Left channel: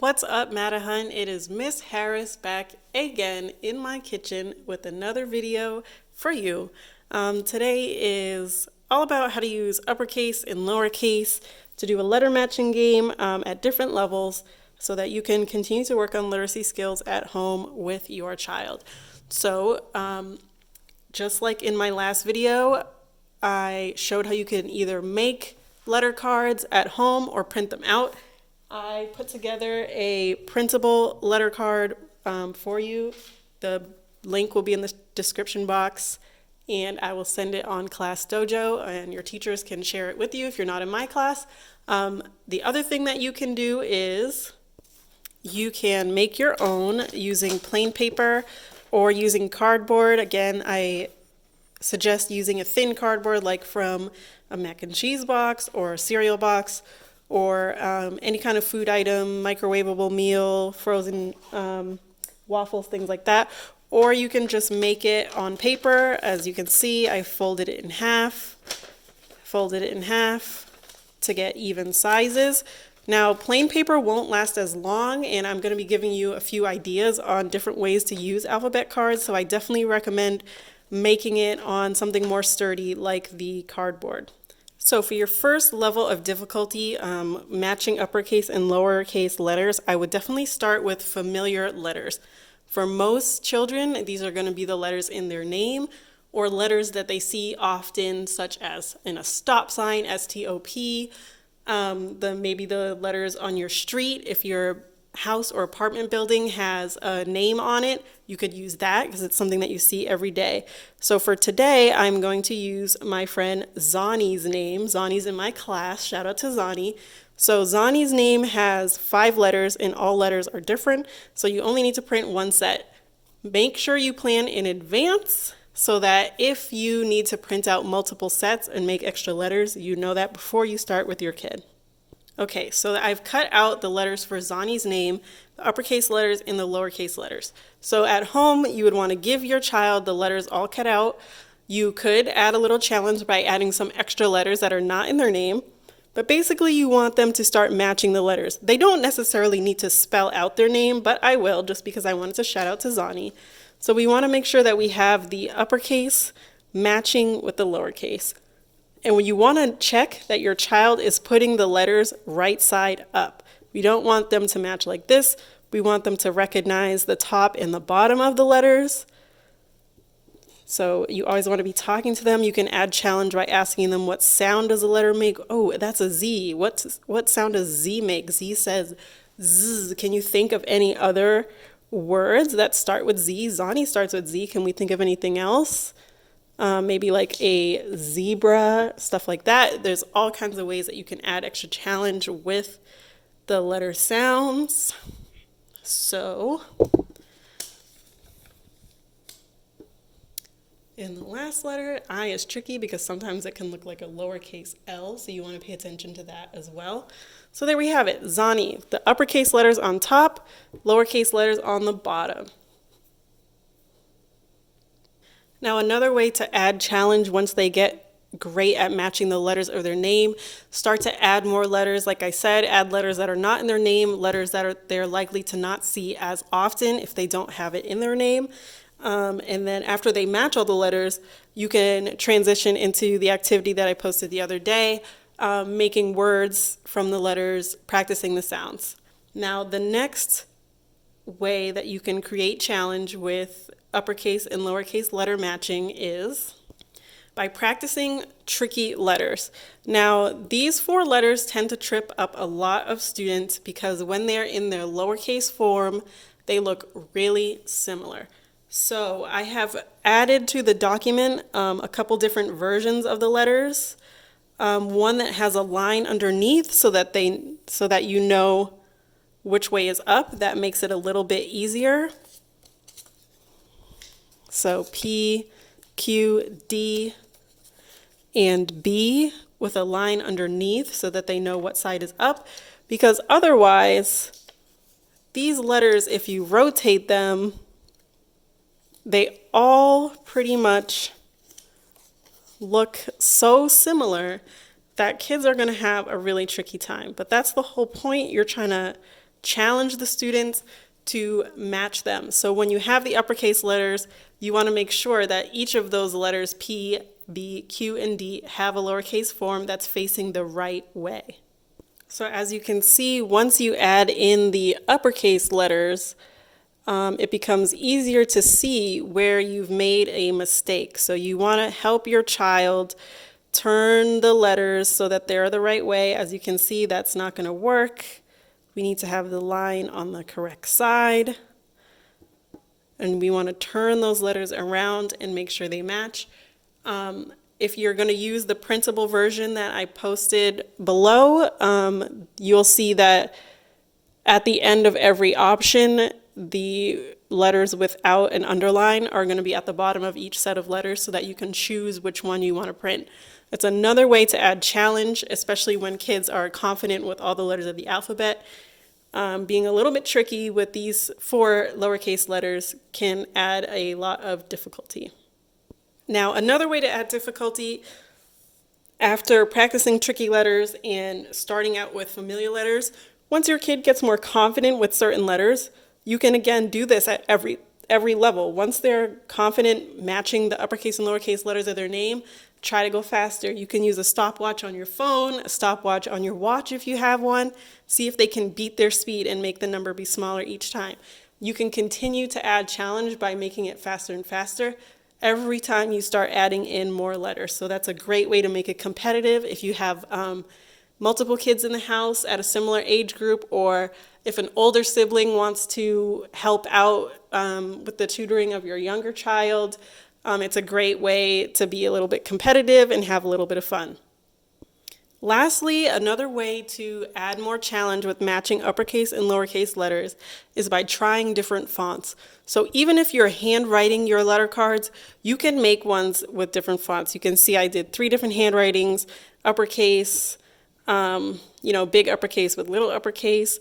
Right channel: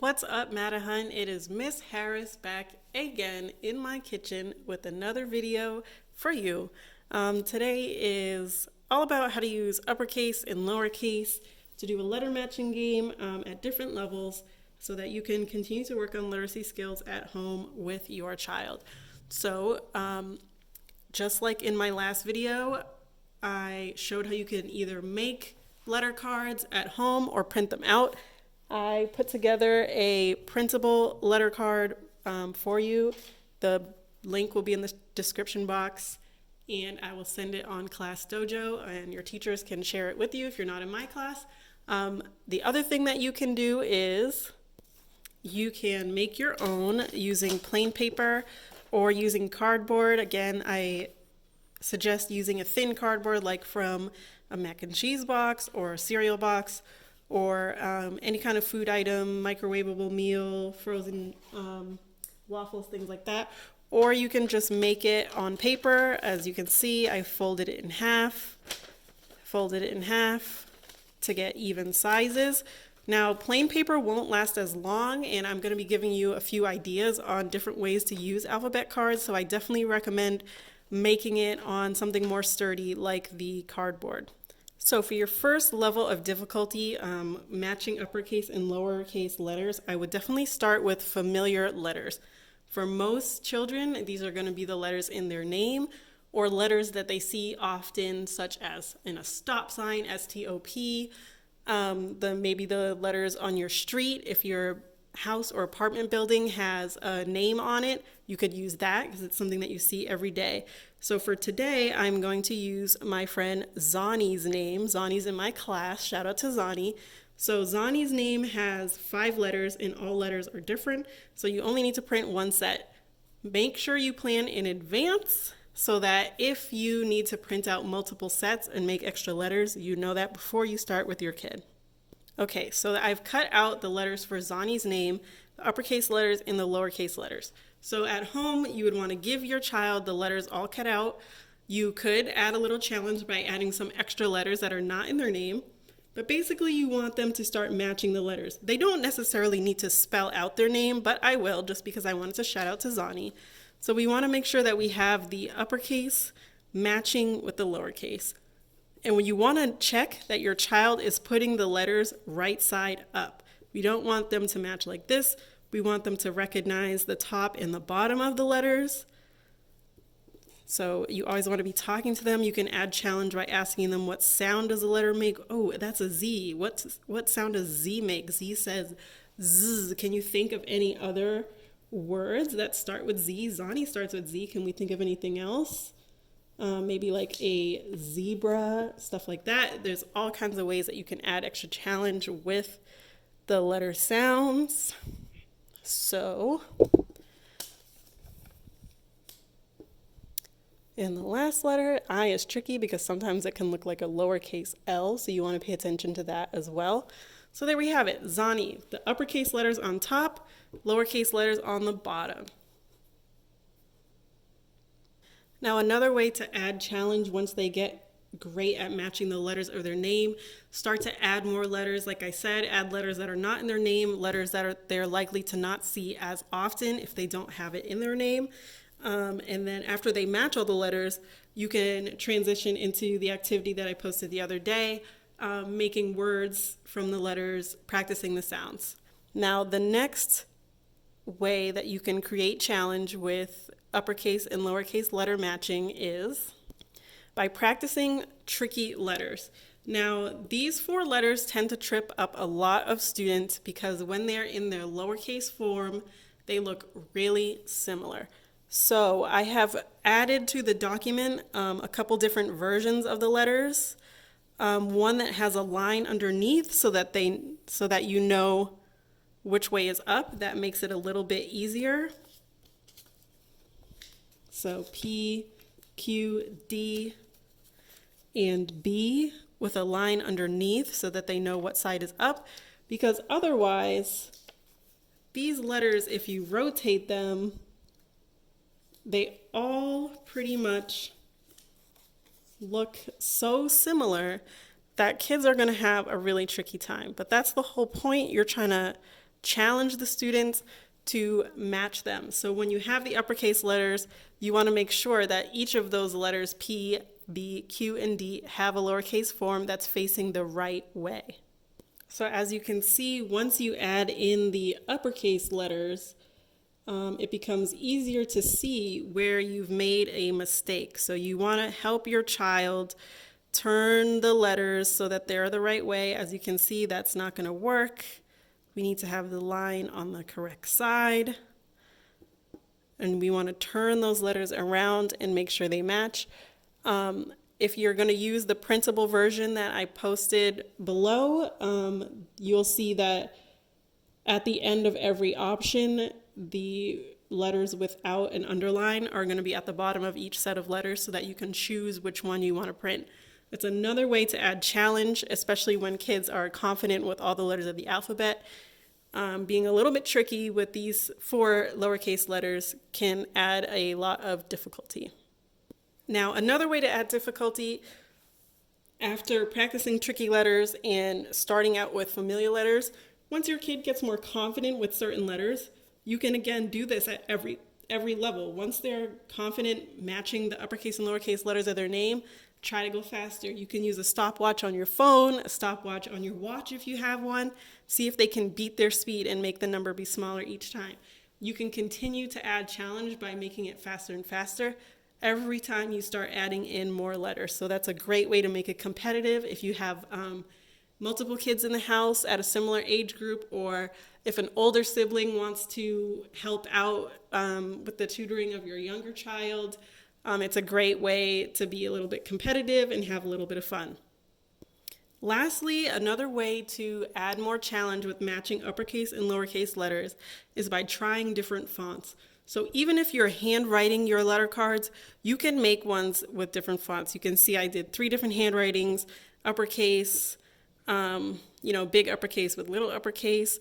What's up, Matahan? It is Miss Harris back again in my kitchen with another video for you. Today is all about how to use uppercase and lowercase to do a letter matching game at different levels so that you can continue to work on literacy skills at home with your child. So, just like in my last video, I showed how you can either make letter cards at home or print them out. I put together a printable letter card for you. The link will be in the description box, and I will send it on Class Dojo, and your teachers can share it with you if you're not in my class. The other thing that you can do is you can make your own using plain paper or using cardboard. Again, I suggest using a thin cardboard like from a mac and cheese box or a cereal box, or any kind of food item, microwavable meal, frozen waffles, things like that. Or you can just make it on paper. As you can see, I folded it in half to get even sizes. Now, plain paper won't last as long, and I'm going to be giving you a few ideas on different ways to use alphabet cards, so I definitely recommend making it on something more sturdy like the cardboard. So for your first level of difficulty, matching uppercase and lowercase letters, I would definitely start with familiar letters. For most children, these are going to be the letters in their name or letters that they see often, such as in a stop sign, S-T-O-P, maybe the letters on your street. If your house or apartment building has a name on it, you could use that because it's something that you see every day. So for today, I'm going to use my friend Zani's name. Zani's in my class. Shout out to Zani. So Zani's name has 5 letters, and all letters are different. So you only need to print one set. Make sure you plan in advance so that if you need to print out multiple sets and make extra letters, you know that before you start with your kid. Okay, so I've cut out the letters for Zani's name, the uppercase letters and the lowercase letters. So at home, you would want to give your child the letters all cut out. You could add a little challenge by adding some extra letters that are not in their name. But basically, you want them to start matching the letters. They don't necessarily need to spell out their name, but I will just because I wanted to shout out to Zani. So we want to make sure that we have the uppercase matching with the lowercase. And when you want to check that your child is putting the letters right side up. We don't want them to match like this. We want them to recognize the top and the bottom of the letters. So you always want to be talking to them. You can add challenge by asking them, what sound does a letter make? Oh, that's a Z. What sound does Z make? Z says Z. Can you think of any other words that start with Z? Zani starts with Z. Can we think of anything else? Maybe like a zebra, stuff like that. There's all kinds of ways that you can add extra challenge with the letter sounds. So, in the last letter, I is tricky because sometimes it can look like a lowercase L, so you want to pay attention to that as well. So there we have it, Zani. The uppercase letters on top, lowercase letters on the bottom. Now, another way to add challenge once they get great at matching the letters of their name, start to add more letters. Like I said, add letters that are not in their name, letters that they're likely to not see as often if they don't have it in their name. And then after they match all the letters, you can transition into the activity that I posted the other day, making words from the letters, practicing the sounds. Now, the next way that you can create challenge with uppercase and lowercase letter matching is by practicing tricky letters. Now, these 4 letters tend to trip up a lot of students because when they're in their lowercase form, they look really similar. So I have added to the document a couple different versions of the letters. One that has a line underneath so that you know which way is up. That makes it a little bit easier. So P, Q, D, and B with a line underneath so that they know what side is up. Because otherwise, these letters, if you rotate them, they all pretty much look so similar that kids are going to have a really tricky time. But that's the whole point. You're trying to challenge the students to match them. So when you have the uppercase letters, you want to make sure that each of those letters, P, B, Q, and D, have a lowercase form that's facing the right way. So as you can see, once you add in the uppercase letters, it becomes easier to see where you've made a mistake. So you want to help your child turn the letters so that they're the right way. As you can see, that's not going to work. We need to have the line on the correct side. And we want to turn those letters around and make sure they match. If you're going to use the printable version that I posted below, you'll see that at the end of every option, the letters without an underline are going to be at the bottom of each set of letters so that you can choose which one you want to print. That's another way to add challenge, especially when kids are confident with all the letters of the alphabet. Being a little bit tricky with these 4 lowercase letters can add a lot of difficulty. Now, another way to add difficulty after practicing tricky letters and starting out with familiar letters, once your kid gets more confident with certain letters, you can again do this at every level. Once they're confident matching the uppercase and lowercase letters of their name, try to go faster. You can use a stopwatch on your phone, a stopwatch on your watch if you have one. See if they can beat their speed and make the number be smaller each time. You can continue to add challenge by making it faster and faster every time you start adding in more letters. So that's a great way to make it competitive if you have multiple kids in the house at a similar age group, or if an older sibling wants to help out with the tutoring of your younger child. It's a great way to be a little bit competitive and have a little bit of fun. Lastly, another way to add more challenge with matching uppercase and lowercase letters is by trying different fonts. So even if you're handwriting your letter cards, you can make ones with different fonts. You can see I did 3 different handwritings: uppercase, big uppercase with little uppercase,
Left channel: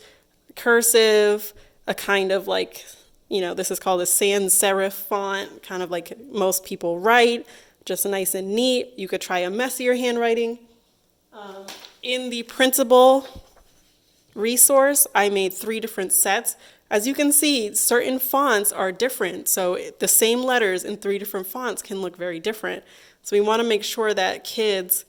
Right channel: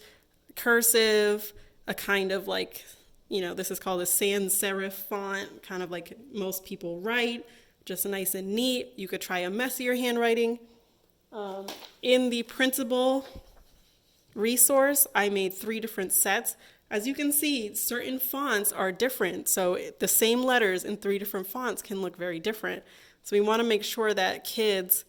cursive, a kind of like, this is called a sans serif font, kind of like most people write, just nice and neat. You could try a messier handwriting. In the printable resource, I made 3 different sets. As you can see, certain fonts are different, so the same letters in 3 different fonts can look very different. So we want to make sure that kids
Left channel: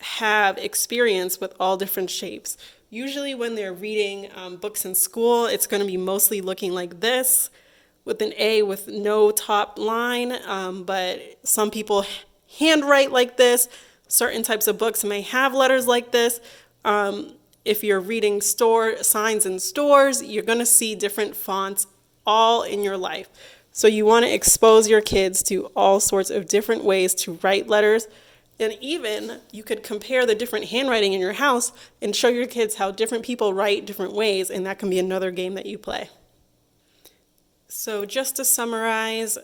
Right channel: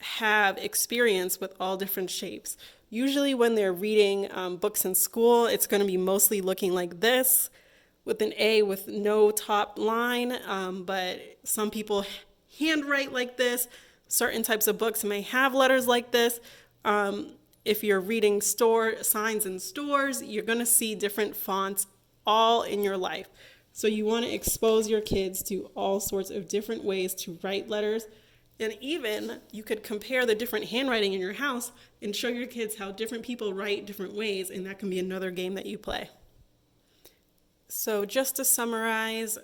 have experience with all different shapes. Usually when they're reading books in school, it's going to be mostly looking like this, with an A with no top line, but some people handwrite like this. Certain types of books may have letters like this. If you're reading store signs in stores, you're going to see different fonts all in your life. So you want to expose your kids to all sorts of different ways to write letters. And even you could compare the different handwriting in your house and show your kids how different people write different ways, and that can be another game that you play. So just to summarize,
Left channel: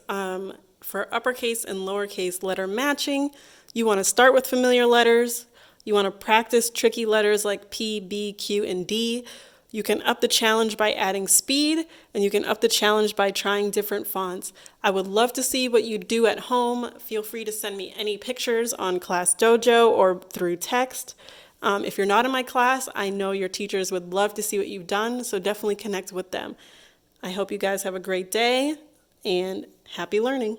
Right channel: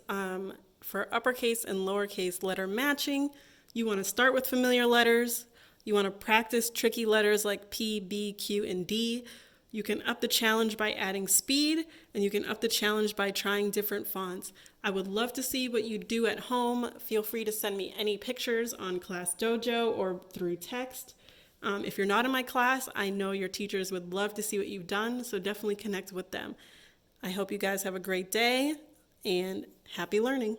for uppercase and lowercase letter matching, you want to start with familiar letters. You want to practice tricky letters like P, B, Q, and D. You can up the challenge by adding speed, and you can up the challenge by trying different fonts. I would love to see what you do at home. Feel free to send me any pictures on Class Dojo or through text. If you're not in my class, I know your teachers would love to see what you've done, so definitely connect with them. I hope you guys have a great day, and happy learning.